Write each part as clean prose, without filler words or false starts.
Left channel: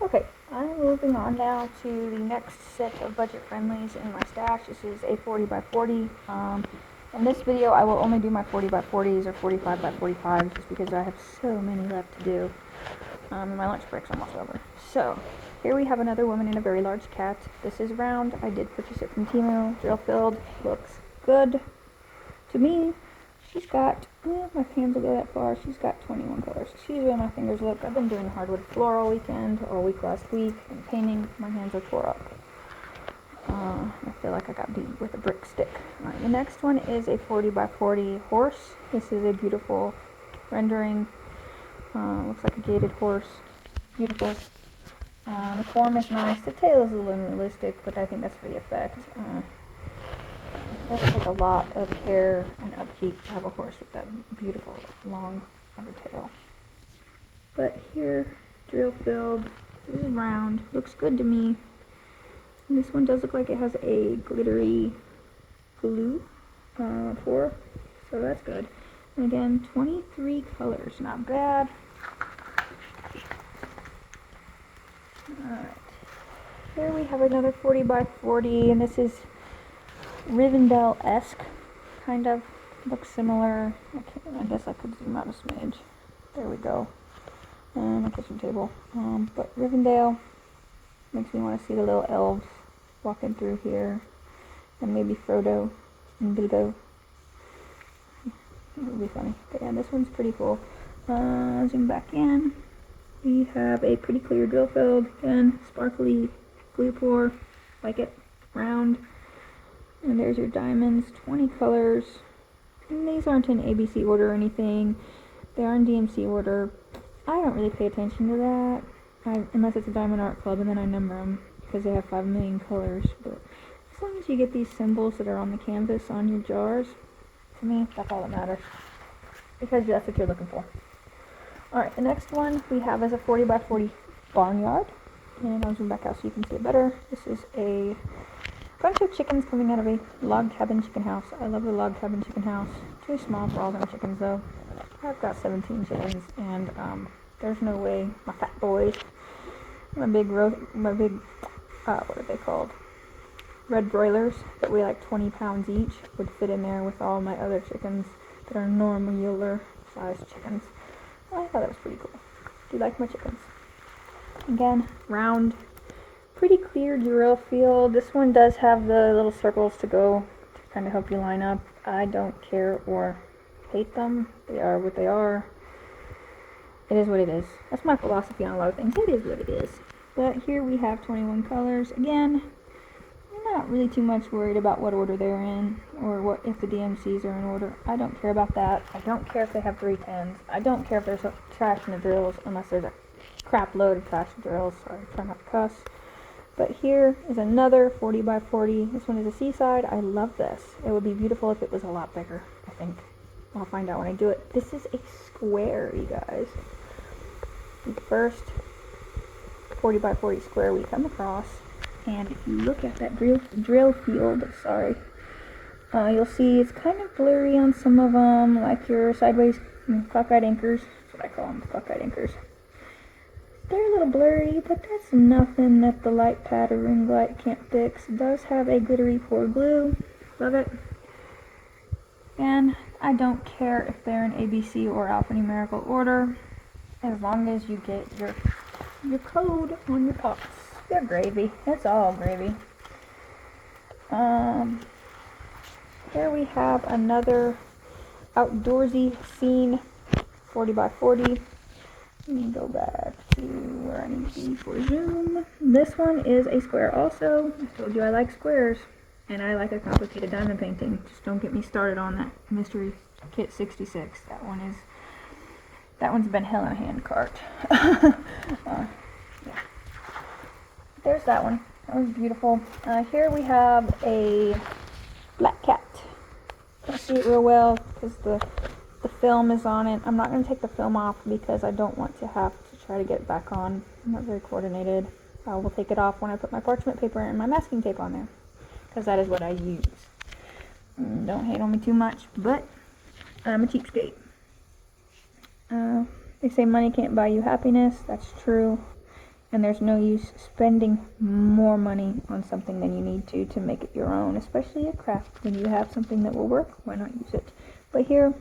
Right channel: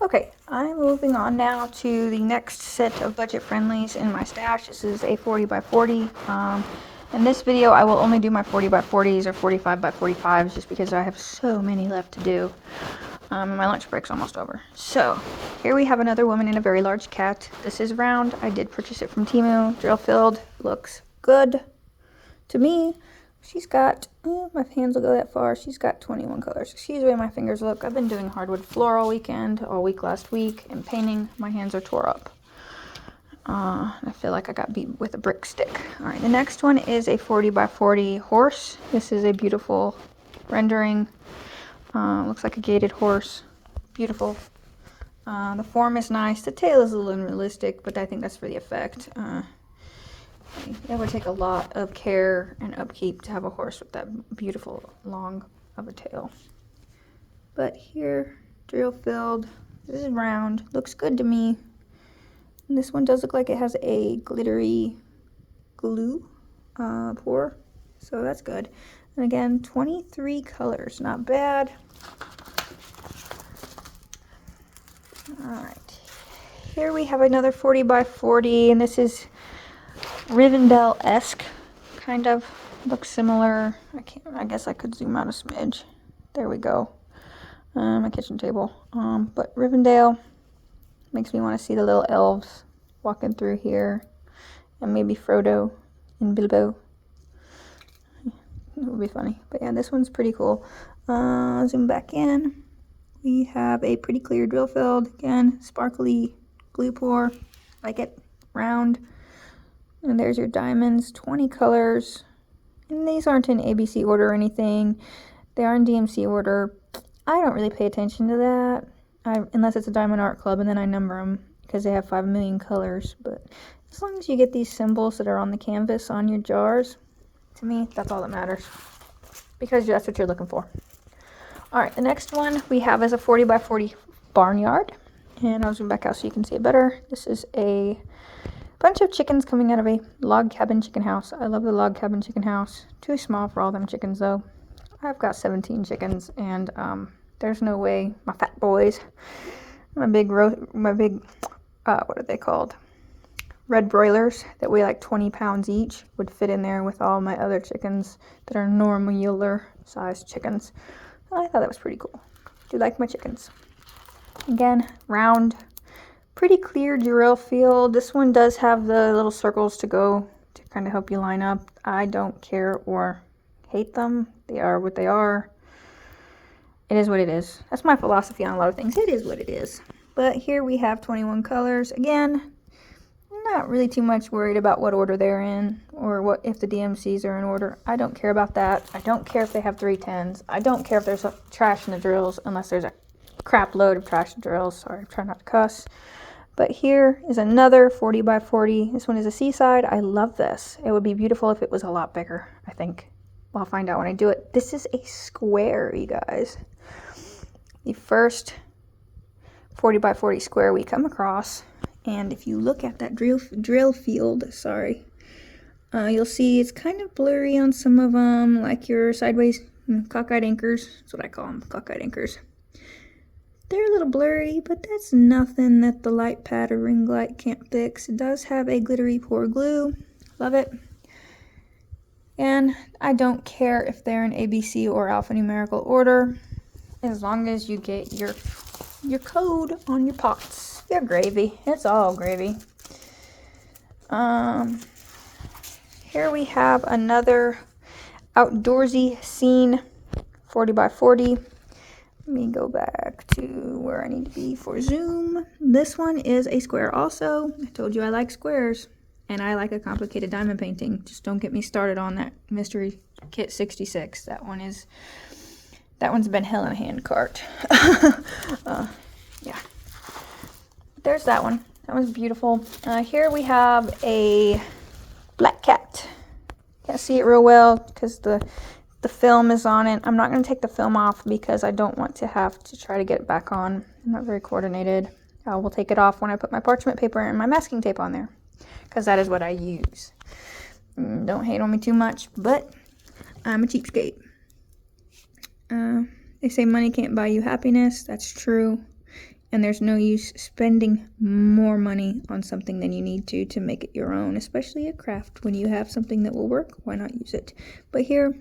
Okay, I'm moving on now to the next set of budget friendlies in my stash. This is a 40 by 40. In this video, I will only do my 40 by 40s or 45 by 45s just because I have so many left to do. And my lunch break's almost over. So, here we have another woman in a very large cat. This is round. I did purchase it from Temu. Drill filled. Looks good to me. She's got, my hands will go that far. She's got 21 colors. Excuse the way my fingers look. I've been doing hardwood floor all weekend, all week last week, and painting. My hands are tore up. I feel like I got beat with a brick stick. Alright, the next one is a 40 by 40 horse. This is a beautiful rendering. Looks like a gated horse. Beautiful. The form is nice. The tail is a little unrealistic, but I think that's for the effect. It would take a lot of care and upkeep to have a horse with that beautiful long of a tail. But here, drill filled. This is round. Looks good to me. And this one does look like it has a glittery glue pour, so that's good. And again, 23 colors, not bad. Alright, here we have another 40 by 40, and this is Rivendell-esque, kind of. Looks similar. I guess I could zoom out a smidge. There we go. My kitchen table. But Rivendell makes me want to see the little elves walking through here, and maybe Frodo and Bilbo. It would be funny. But yeah, this one's pretty cool. Zoom back in. We have a pretty clear drill filled. Again, sparkly glue pour. Like it. Round. And there's your diamonds. 20 colors. And these aren't in ABC order or anything. They are in DMC order. I don't really pay attention to that. Unless it's a Diamond Art Club, and then I number them because they have 5 million colors. But as long as you get these symbols that are on the canvas on your jars, to me, that's all that matters. Because that's what you're looking for. Alright, the next one we have is a 40 by 40 barnyard. And I'll zoom back out so you can see it better. This is a bunch of chickens coming out of a log cabin chicken house. I love the log cabin chicken house. Too small for all them chickens though. I've got 17 chickens, and there's no way my fat boys, my big what are they called? Red broilers that weigh like 20 pounds each would fit in there with all my other chickens that are normal sized chickens. I thought that was pretty cool. Do like my chickens. Again, round, pretty clear drill field. This one does have the little circles to go to kind of help you line up. I don't care or hate them. They are what they are. It is what it is. That's my philosophy on a lot of things. It is what it is. But here we have 21 colors. Again, not really too much worried about what order they're in or what if the DMCs are in order. I don't care about that. I don't care if they have 310s. I don't care if there's trash in the drills unless there's a crap load of trash drills. Sorry, try not to cuss. But here is another 40 by 40. This one is a seaside. I love this. It would be beautiful if it was a lot bigger, I think. Well, I'll find out when I do it. This is a square, you guys. The first 40 by 40 square we come across. And if you look at that drill field, you'll see it's kind of blurry on some of them, like your sideways cockeyed anchors. That's what I call them, cockeyed anchors. They're a little blurry, but that's nothing that the light pad or ring light can't fix. It does have a glittery pour glue. Love it. And I don't care if they're in ABC or alphanumerical order, as long as you get your code on your pots. They're gravy. It's all gravy. Here we have another outdoorsy scene, 40 by 40. Let me go back to where I need to be for zoom. This one is a square also. I told you I like squares, and I like a complicated diamond painting. Just don't get me started on that Mystery Kit 66. That one's been hell in a handcart. Yeah. There's that one. That one's beautiful. Here we have a black cat. Can't see it real well because the film is on it. I'm not going to take the film off because I don't want to have to try to get it back on. I'm not very coordinated. I will take it off when I put my parchment paper and my masking tape on there, because that is what I use. Don't hate on me too much, but I'm a cheapskate. They say money can't buy you happiness. That's true. And there's no use spending more money on something than you need to make it your own, especially a craft. When you have something that will work, why not use it? But here,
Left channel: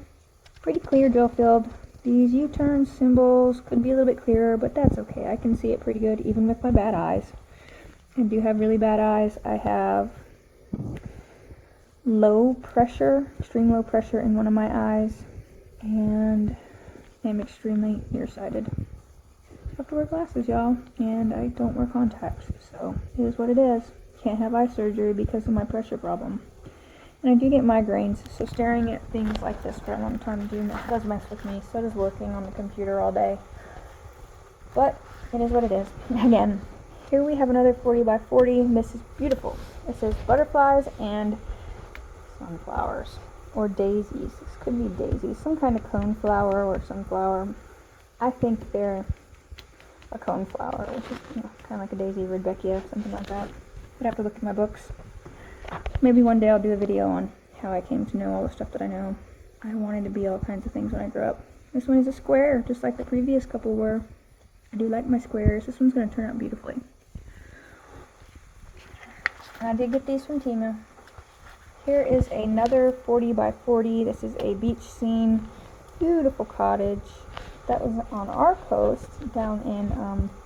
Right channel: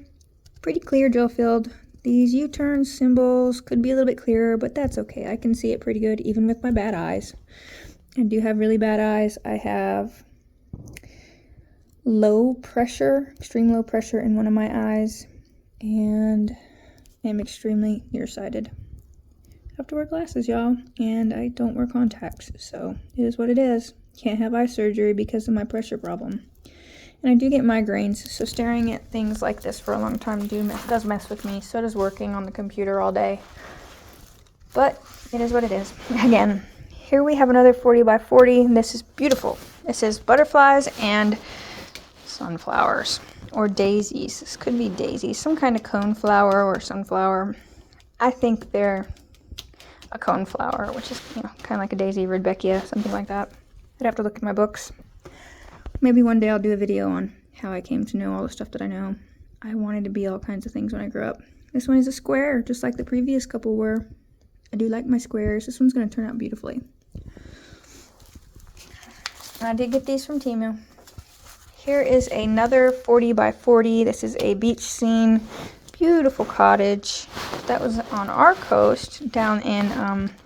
pretty clear gel filled. These U-turn symbols could be a little bit clearer, but that's okay. I can see it pretty good, even with my bad eyes. I do have really bad eyes. I have low pressure, extreme low pressure in one of my eyes, and I'm extremely nearsighted. I have to wear glasses, y'all, and I don't wear contacts, so it is what it is. Can't have eye surgery because of my pressure problem. And I do get migraines, so staring at things like this for a long time does mess with me. So does working on the computer all day. But it is what it is. Again, here we have another 40 by 40. And this is beautiful. It says butterflies and sunflowers or daisies. This could be daisies, some kind of coneflower or sunflower. I think they're a coneflower, which is kind of like a daisy, Rudbeckia, something like that. I'd have to look at my books. Maybe one day I'll do a video on how I came to know all the stuff that I know. I wanted to be all kinds of things when I grew up. This one is a square, just like the previous couple were. I do like my squares. This one's going to turn out beautifully. And I did get these from Temu. Here is another 40 by 40. This is a beach scene. Beautiful cottage. That was on our coast down in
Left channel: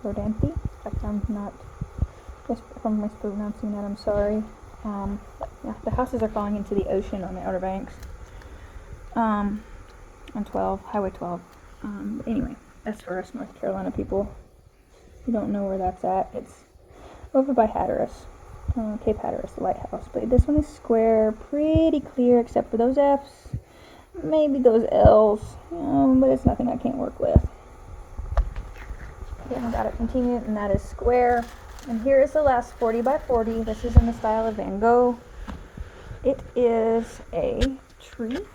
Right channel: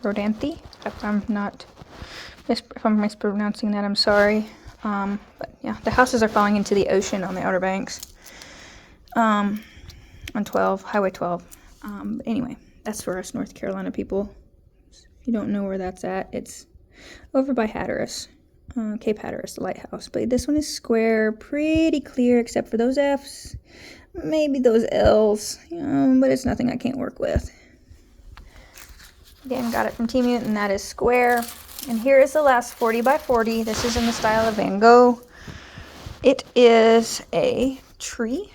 Rodanthe. If I'm mispronouncing that, I'm sorry. But yeah, the houses are falling into the ocean on the Outer Banks. On 12, Highway 12. But anyway, that's for us North Carolina people. If you don't know where that's at, it's over by Hatteras. Cape Hatteras, the lighthouse. But this one is square, pretty clear except for those F's. Maybe those L's, but it's nothing I can't work with. Again, got it from Temu, and that is square. And here is the last 40 by 40. This is in the style of Van Gogh. It is a tree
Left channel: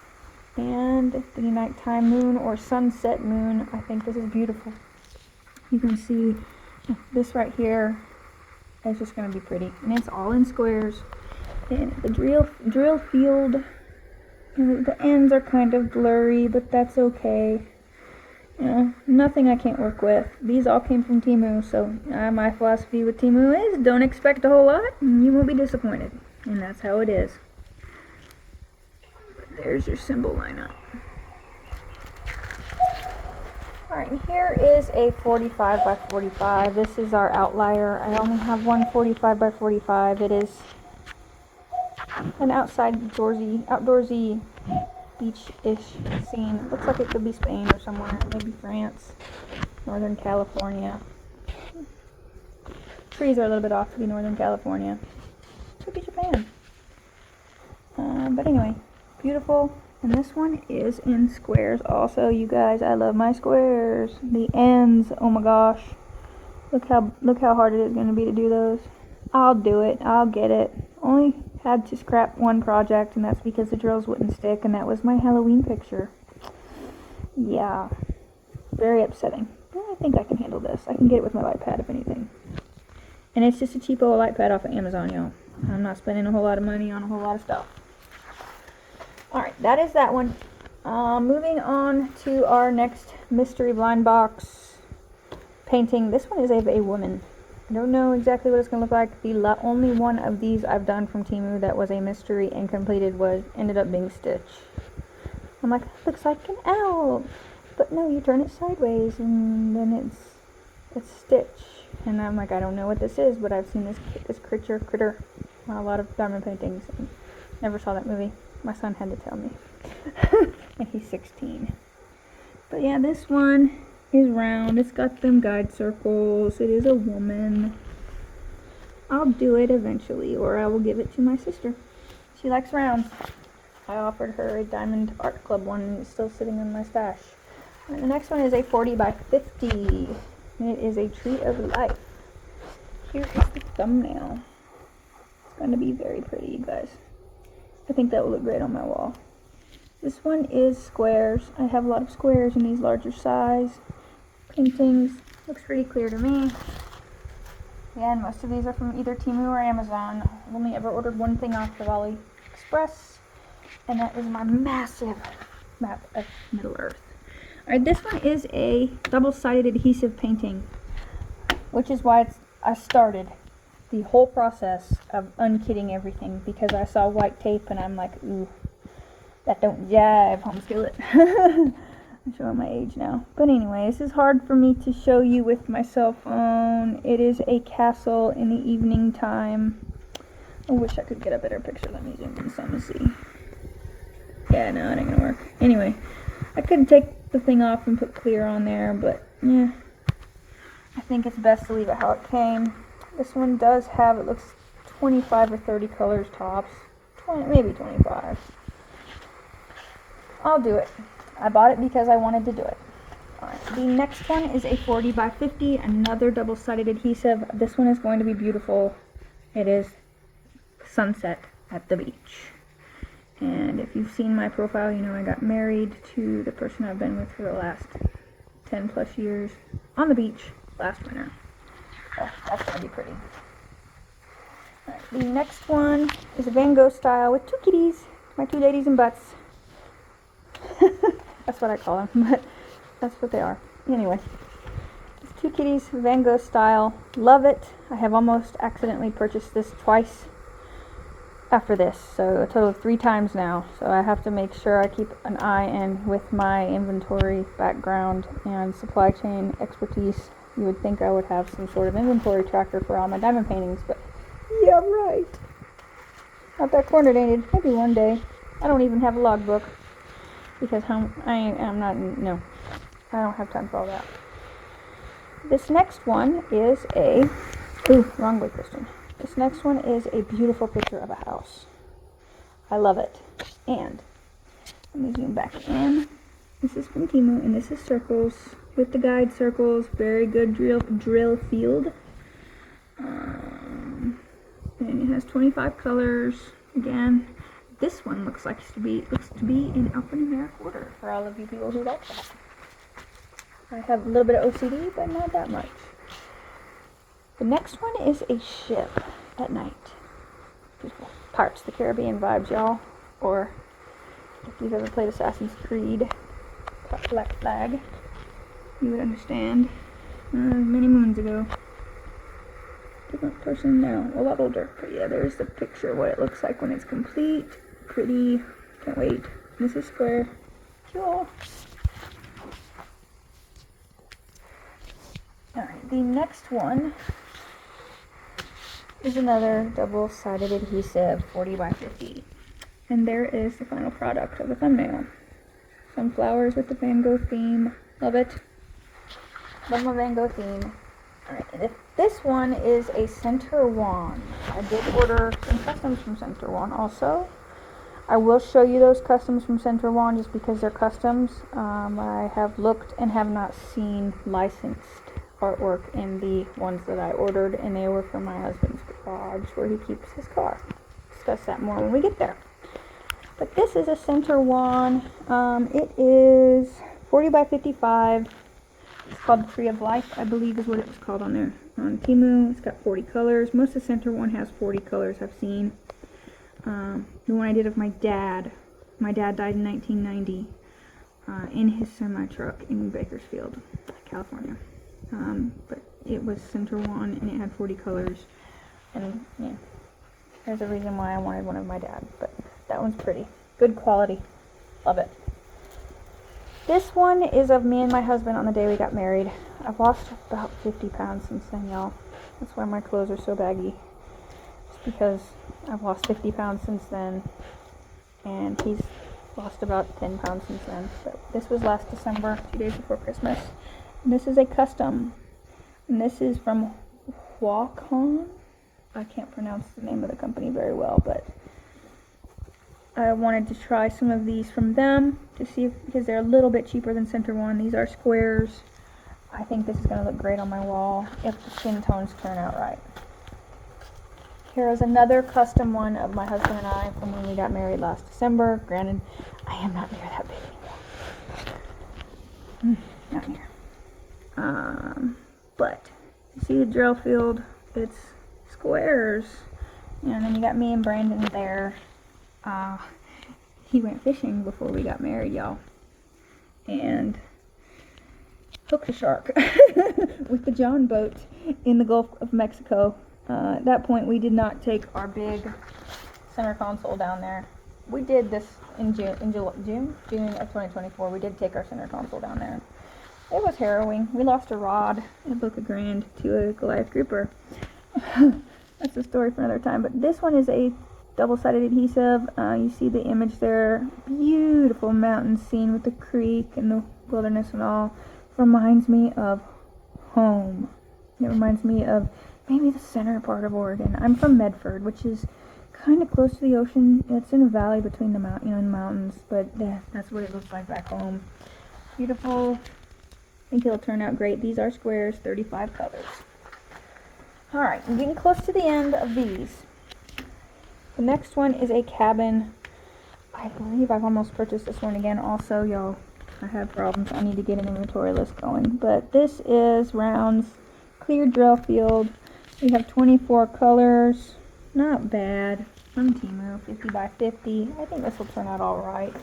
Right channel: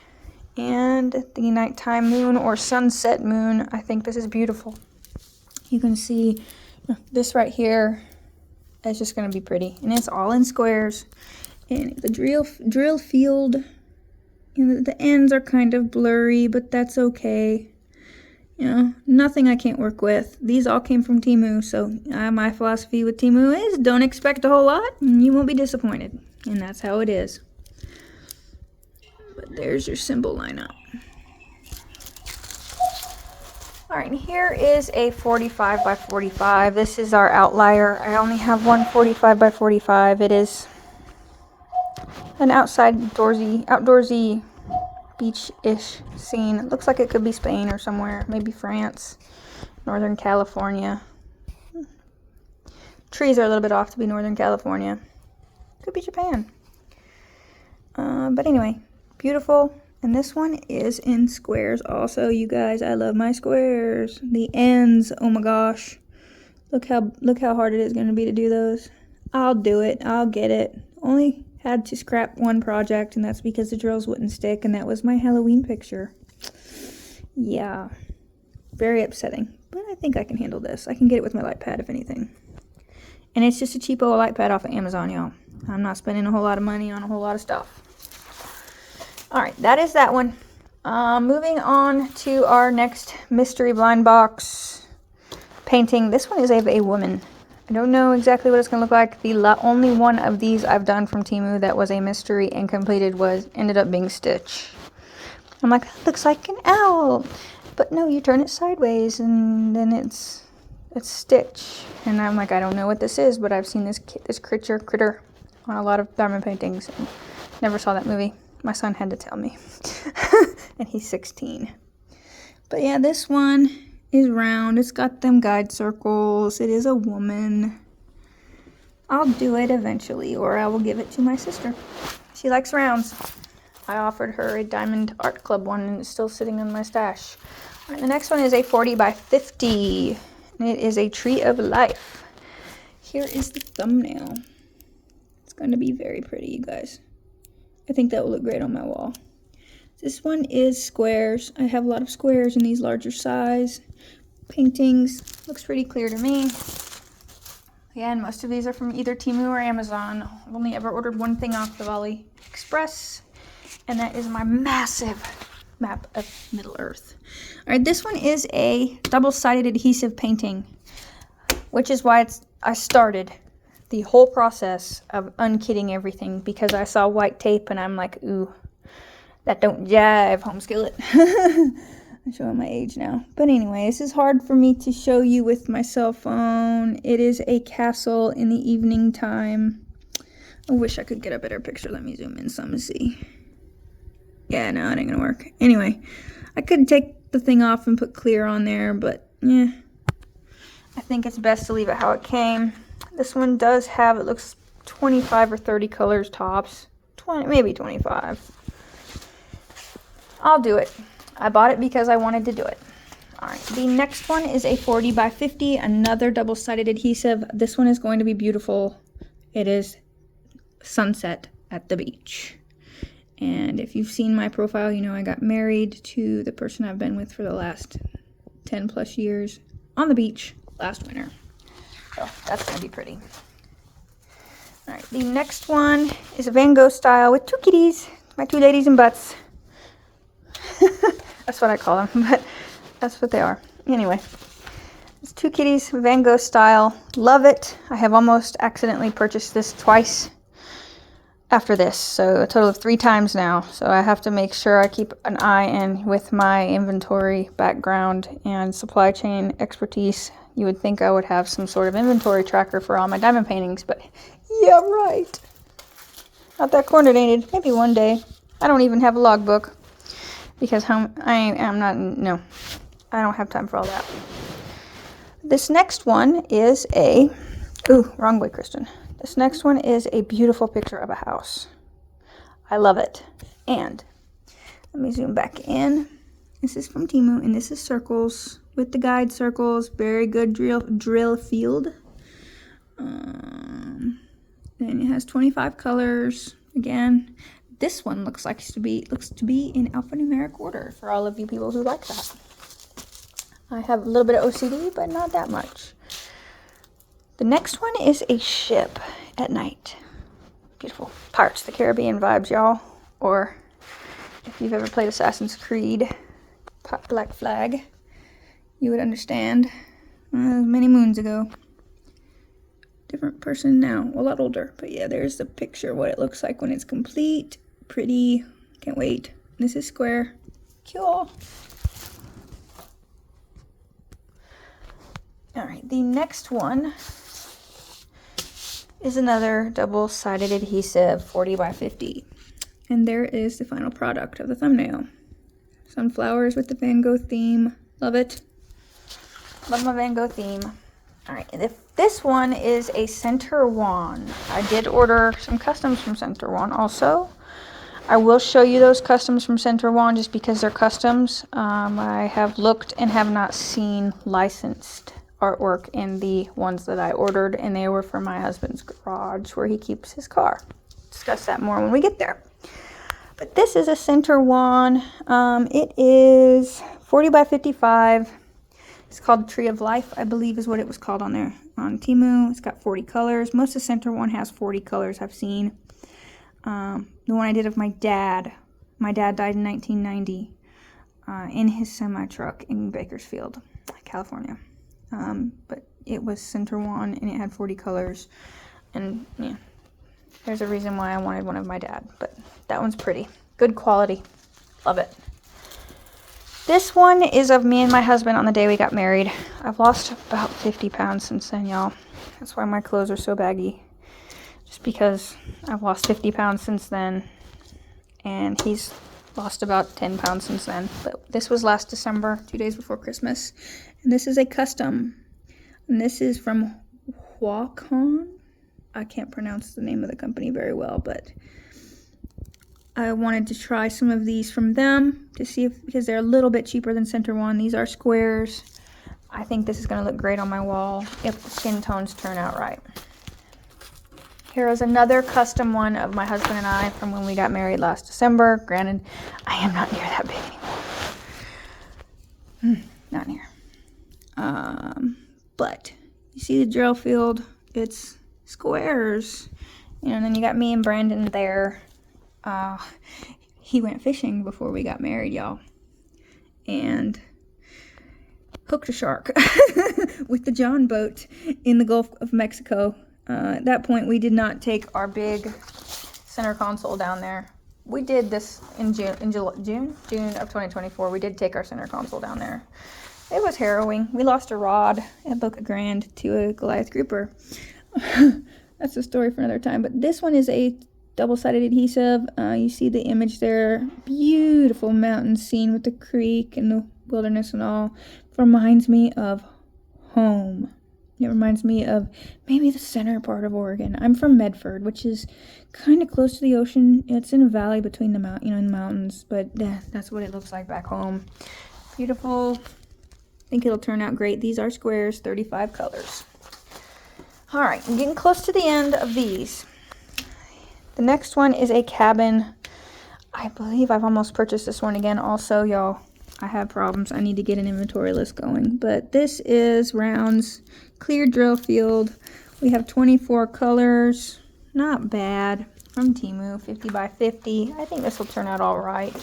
and the nighttime moon or sunset moon. I think this is beautiful. You can see this right here is just going to be pretty. And it's all in squares. And the drill field, the ends are kind of blurry, but that's okay. Nothing I can't work with. These all came from Temu, so my philosophy with Temu is don't expect a whole lot, and you won't be disappointed. And that's how it is. But there's your symbol lineup. Alright, here is a 45 by 45. This is our outlier. I only have one 45 by 45. It is an outdoorsy beach-ish scene. It looks like it could be Spain or somewhere, maybe France, Northern California. Trees are a little bit off to be Northern California. Could be Japan. But anyway, beautiful. And this one is in squares also, you guys. I love my squares. The ends, oh my gosh. Look how hard it is going to be to do those. I'll do it. I'll get it. Only had to scrap one project, and that's because the drills wouldn't stick, and that was my Halloween picture. Yeah, very upsetting, but I think I can handle this. I can get it with my light pad, if anything. And it's just a cheapo light pad off of Amazon, y'all. I'm not spending a whole lot of money on a whole lot of stuff. Alright, that is that one. Moving on to our next mystery blind box painting. This one is of a woman. I don't know exactly what it's going to look like. The only one of these I've done from Temu that was a mystery and completed ended up being Stitch. I'm like, that looks like an owl. But no, you turn it sideways and then it's Stitch. And I'm like, I don't know what this is, but I've seen this critter on a lot of diamond paintings. And never saw that movie. My son had to tell me. And he's 16. But yeah, this one is round. It's got them guide circles. It is a woman. I'll do it eventually, or I will give it to my sister. She likes rounds. I offered her a Diamond Art Club one, and it's still sitting in my stash. All right, the next one is a 40 by 50. And it is a Tree of Life. Here is the thumbnail. It's going to be very pretty, you guys. I think that will look great on my wall. This one is squares. I have a lot of squares in these larger size paintings. Looks pretty clear to me. Again, most of these are from either Temu or Amazon. I've only ever ordered one thing off the AliExpress, and that is my massive map of Middle Earth. Alright, this one is a double-sided adhesive painting. which is why I started the whole process of unkitting everything, because I saw white tape and I'm like, ooh, that don't jive, home skillet. I'm showing my age now. But anyway, this is hard for me to show you with my cell phone. It is a castle in the evening time. I wish I could get a better picture. Let me zoom in some to see. Yeah, no, it ain't gonna work. Anyway, I could take the thing off and put clear on there, but yeah, I think it's best to leave it how it came. This one does have, it looks 25 or 30 colors tops. 20, maybe 25. I'll do it. I bought it because I wanted to do it. Alright, the next one is a 40 by 50, another double-sided adhesive. This one is going to be beautiful. It is sunset at the beach. And if you've seen my profile, you know I got married to the person I've been with for the last 10 plus years on the beach last winter. So that's going to be pretty. Alright, the next one is a Van Gogh style with two kitties. My two ladies in butts. That's what I call them, but that's what they are. Anyway, it's two kitties, Van Gogh style. Love it. I have almost accidentally purchased this twice after this, so a total of 3 times now. So I have to make sure I keep an eye in with my inventory background and supply chain expertise. You would think I would have some sort of inventory tracker for all my diamond paintings, but yeah, right. Not that coordinated. Maybe one day. I don't even have a logbook because I don't have time for all that. This next one is a, ooh, wrong way, Kristen. This next one is a beautiful picture of a house. I love it. And let me zoom back in. This is from Temu, and this is circles with the guide circles. Very good drill field. And it has 25 colors. Again, this one looks to be in alphanumeric order for all of you people who like that. I have a little bit of OCD, but not that much. The next one is a ship at night. Beautiful. Pirates of the Caribbean vibes, y'all. Or if you've ever played Assassin's Creed, Black Flag, you would understand. Many moons ago. Different person now, a lot older. But yeah, there's the picture of what it looks like when it's complete. Pretty. Can't wait. This is square. Cool. Alright, the next one is another double-sided adhesive 40 by 50. And there is the final product of the thumbnail. Sunflowers with the Van Gogh theme. Love it. Love my Van Gogh theme. Alright, this one is a Center One. I did order some customs from Center One also. I will show you those customs from Center One just because they're customs. I have looked and have not seen licensed artwork in the ones that I ordered, and they were from my husband's garage where he keeps his car. Discuss that more when we get there. But this is a Center One. It is 40 by 55. It's called Tree of Life, I believe is what it was called on there on Temu. It's got 40 colors. Most of Center One has 40 colors I've seen. The one I did of my dad died in 1990 in his semi-truck in Bakersfield, California. But it was Center One and it had 40 colors. And yeah, there's a reason why I wanted one of my dad. But that one's pretty. Good quality. Love it. This one is of me and my husband on the day we got married. I've lost about 50 pounds since then, y'all. That's why my clothes are so baggy. Just because I've lost 50 pounds since then. And he's lost about 10 pounds since then. But this was last December, 2 days before Christmas. And this is a custom. And this is from Huacon. I can't pronounce the name of the company very well, but I wanted to try some of these from them to see if, because they're a little bit cheaper than Center One. These are squares. I think this is going to look great on my wall if the skin tones turn out right. Here is another custom one of my husband and I from when we got married last December. Granted, I am not near that big anymore. Not near. But you see the drill field? It's squares. You know, and then you got me and Brandon there. He went fishing before we got married, y'all, and hooked a shark. with the John boat in the Gulf of Mexico. At that point, we did not take our big center console down there. We did this in June of 2024. We did take our center console down there. It was harrowing. We lost a rod at Boca Grande to a Goliath grouper. That's a story for another time. But this one is a double-sided adhesive. You see the image there. Beautiful mountain scene with the creek and the wilderness and all. Reminds me of home. It reminds me of maybe the center part of Oregon. I'm from Medford, which is kind of close to the ocean. It's in a valley between the mountains, but that's what it looks like back home. Beautiful. I think it'll turn out great. These are squares, 35 colors. All right, I'm getting close to the end of these. The next one is a cabin. I believe I've almost purchased this one again. Also, y'all, I have problems. I need to get an inventory list going. But this is Rounds Clear Drill Field. We have 24 colors. Not bad. From Temu, 50 by 50. I think this will turn out all right.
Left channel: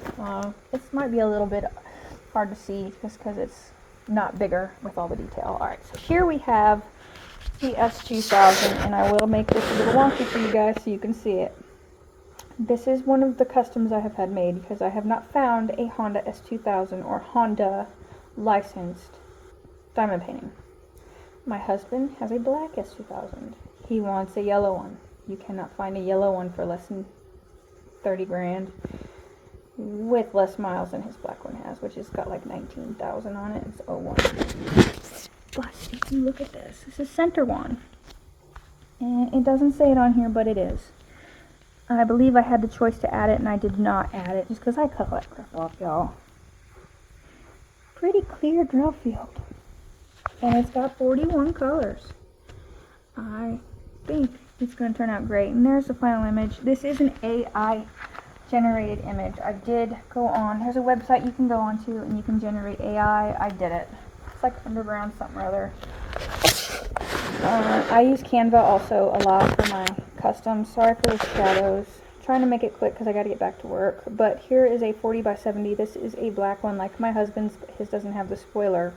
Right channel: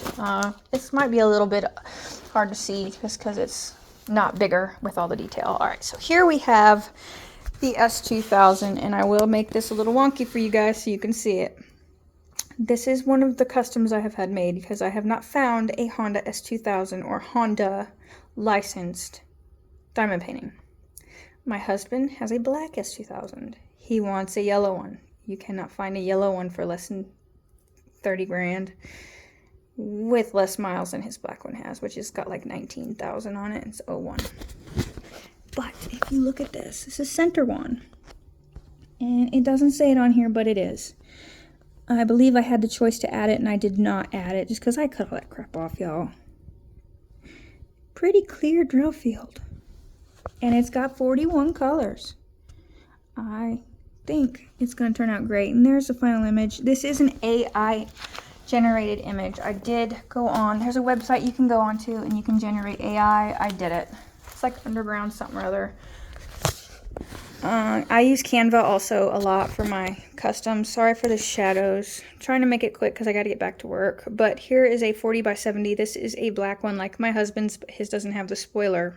This might be a little bit hard to see just because it's not bigger with all the detail. All right, so here we have the S2000, and I will make this a little wonky for you guys so you can see it. This is one of the customs I have had made because I have not found a Honda S2000 or Honda licensed diamond painting. My husband has a black S2000. He wants a yellow one. You cannot find a yellow one for less than 30 grand with less miles than his black one has, which has got like 19,000 on it. It's 01. But if you look at this is center one. And it doesn't say it on here, but it is. I believe I had the choice to add it, and I did not add it just because I cut all that crap off, y'all. Pretty clear drill field. And it's got 41 colors. I think it's going to turn out great. And there's the final image. This is an AI generated image. I did go on. There's a website you can go on to, and you can generate AI. I did it. It's like Underground something or other. I use Canva also a lot for my customs. Sorry for the shadows. I'm trying to make it quick because I got to get back to work. But here is a 40 by 70. This is a black one like my husband's, but his doesn't have the spoiler.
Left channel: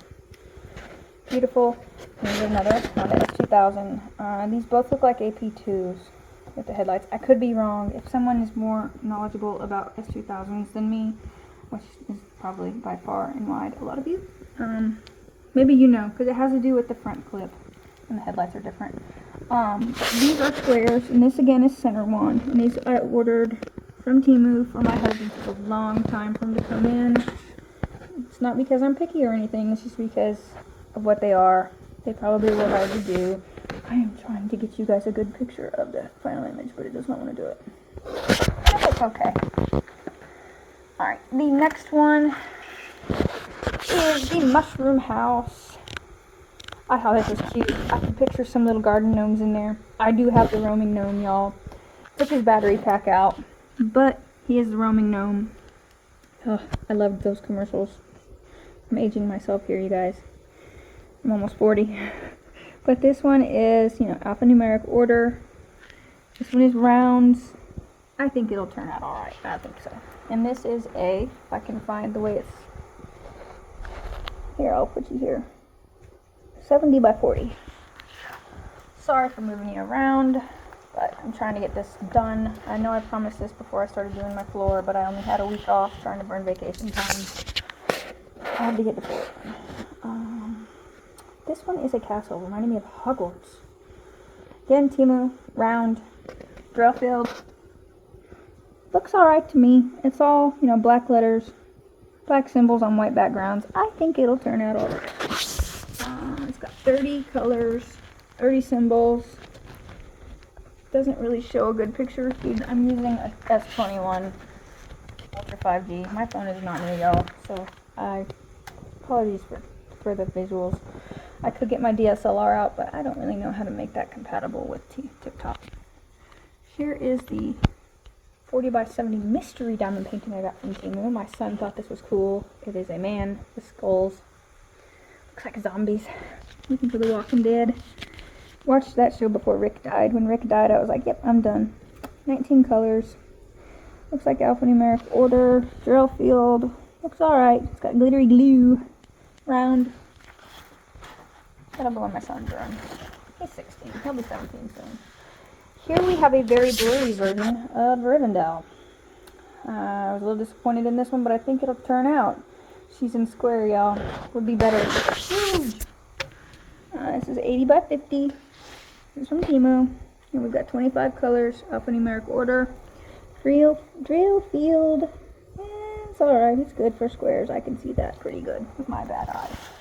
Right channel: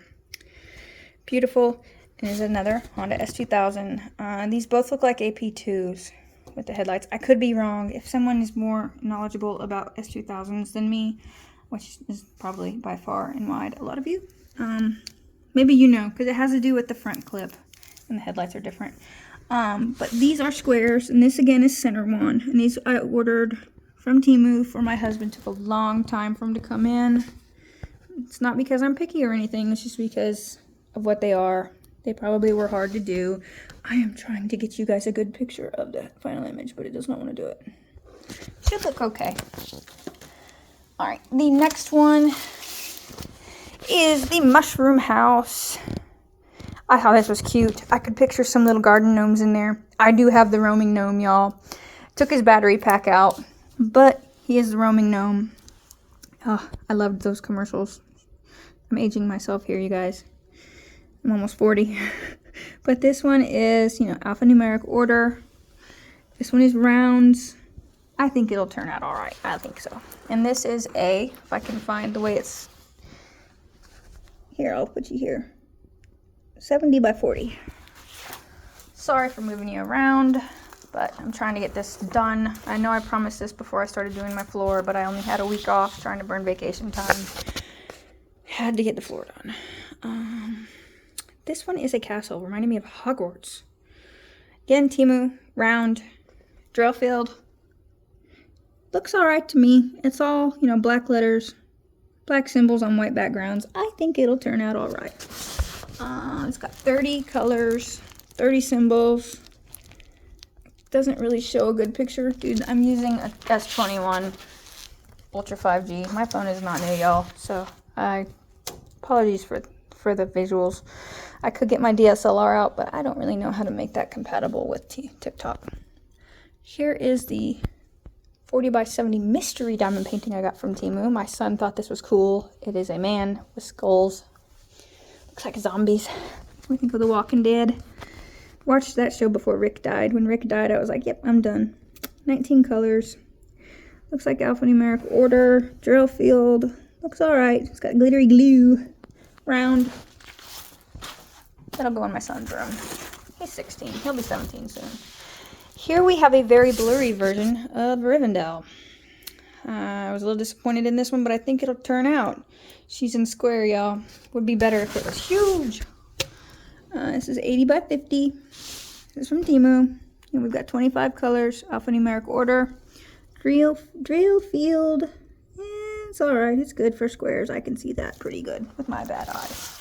Beautiful. And there's another Honda S2000. These both look like AP2s with the headlights. I could be wrong. If someone is more knowledgeable about S2000s than me, which is probably by far and wide a lot of you, maybe you know, because it has to do with the front clip and the headlights are different. But these are squares, and this again is center one. And these I ordered from Temu for my husband. It took a long time for him to come in. It's not because I'm picky or anything. It's just because of what they are. They probably were hard to do. I am trying to get you guys a good picture of the final image, but it does not want to do it. But that's okay. Alright, the next one is the mushroom house. I thought this was cute. I could picture some little garden gnomes in there. I do have the roaming gnome, y'all. Took his battery pack out, but he is the roaming gnome. Oh, I loved those commercials. I'm aging myself here, you guys. I'm almost 40. But this one is, alphanumeric order. This one is rounds. I think it'll turn out all right. I think so. And this is if I can find the way it's, here, I'll put you here. 70 by 40. Sorry for moving you around, but I'm trying to get this done. I know I promised this before I started doing my floor, but I only had a week off trying to burn vacation time. Had to get the floor done. This one is a castle, reminding me of Hogwarts. Again, Temu, round, drill field. Looks alright to me. It's all, black letters, black symbols on white backgrounds. I think it'll turn out alright. It's got 30 colors, 30 symbols. Doesn't really show a good picture. Dude, I'm using a S21 Ultra 5G. My phone is not new, y'all, so apologies for the visuals. I could get my DSLR out, but I don't really know how to make that compatible with TikTok. Here is the 40 by 70 mystery diamond painting I got from Temu. My son thought this was cool. It is a man with skulls. Looks like zombies. Looking for The Walking Dead. Watched that show before Rick died. When Rick died, I was like, yep, I'm done. 19 colors. Looks like alphanumeric order. Drill field. Looks alright. It's got glittery glue. Round. That'll go in my son's room. He's 16. He'll be 17 soon. Here we have a very blurry version of Rivendell. I was a little disappointed in this one, but I think it'll turn out. She's in square, y'all. Would be better if it was huge. This is 80 by 50. This is from Temu. And we've got 25 colors, alphanumeric order. Drill field. It's alright. It's good for squares. I can see that pretty good with my bad eyes.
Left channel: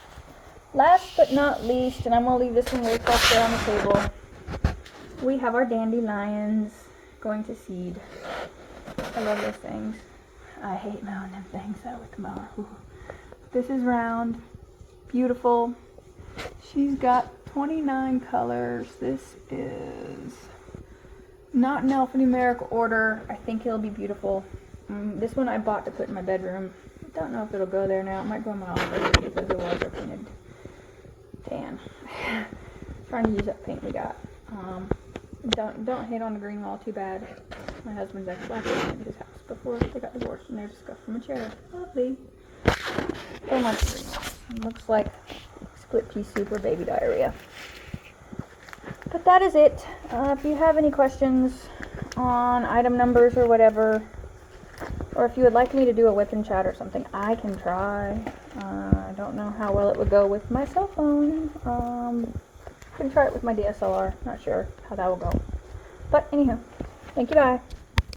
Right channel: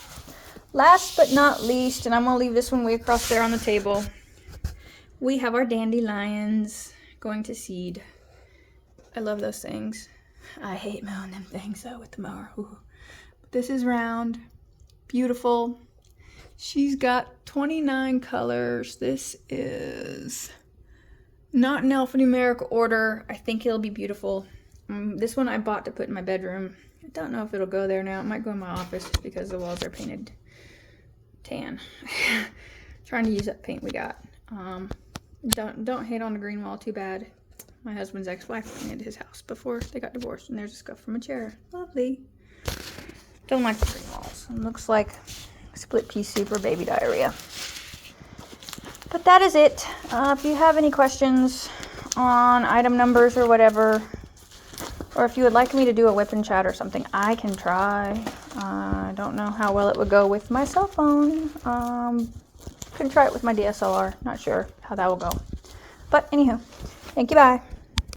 Last but not least, and I'm going to leave this one way across there on the table, we have our dandelions going to seed. I love those things. I hate mowing them things though with the mower. Ooh. This is round, beautiful. She's got 29 colors. This is not in alphanumeric order. I think it'll be beautiful. This one I bought to put in my bedroom. I don't know if it'll go there now. It might go in my office because the walls are painted tan. Trying to use that paint we got. Don't hate on the green wall too bad. My husband's ex-wife painted his house before they got divorced, and there's a scuff from a chair. Lovely. Don't like the green walls. It looks like split pea soup or baby diarrhea. But that is it. If you have any questions on item numbers or whatever, or if you would like me to do a weapon chat or something, I can try. I don't know how well it would go with my cell phone. Could try it with my DSLR. Not sure how that will go. But anywho, thank you, bye.